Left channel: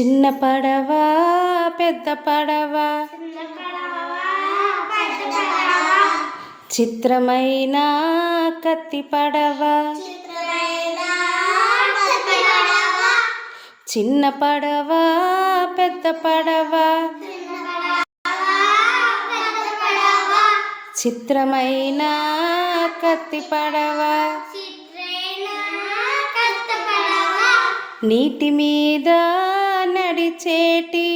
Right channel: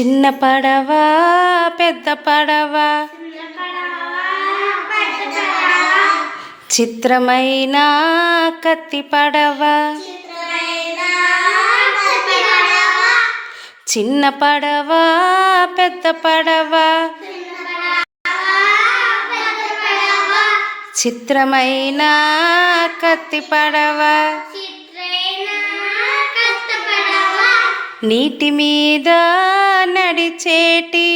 చిన్న పడవ పెద్ద పడవ చిత్రమైన కత్తి పడవ చిన్న పడవ పెద్ద పడవ చిత్రమైన కత్తి పడవ నీటి మీద నడిచేటి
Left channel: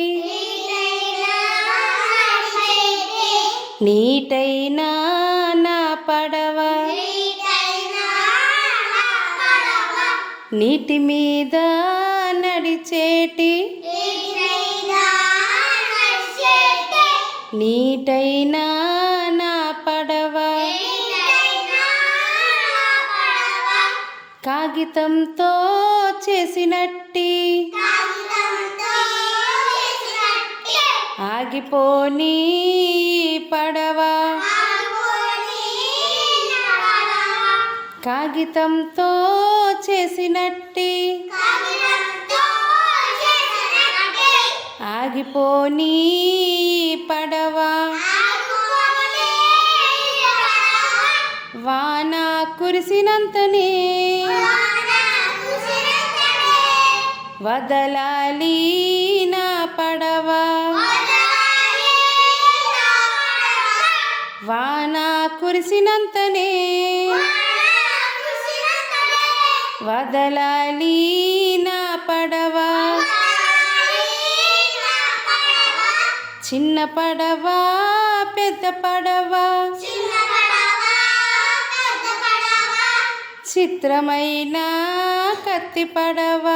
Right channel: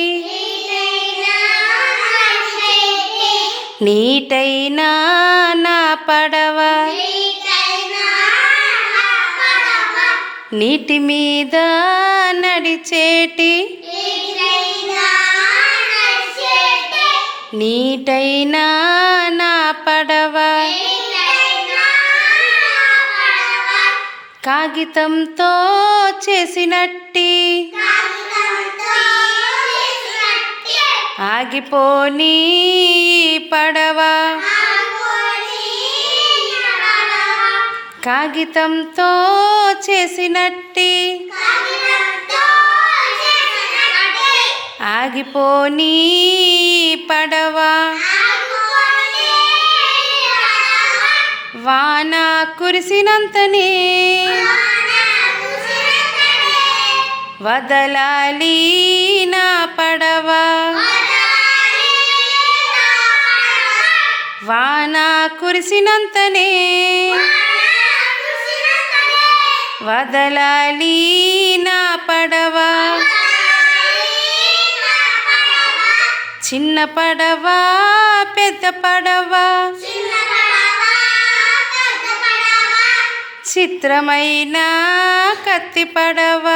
నీటైన నా పడవ నీటి మీద నడిచేటి నీటైన నా పడవ కాగితంతో చేసినట్టి ఆగిపోని పడవ కాగితంతో చేసినట్టి ఆగిపోని పడవ వాన కురిసినంతనే వదలాలి నా పడవ వాన కురిసినంతనే వదలాలి నా పడవ చిన్న పడవ పెద్ద పడవ చిత్రమైన కత్తి పడవ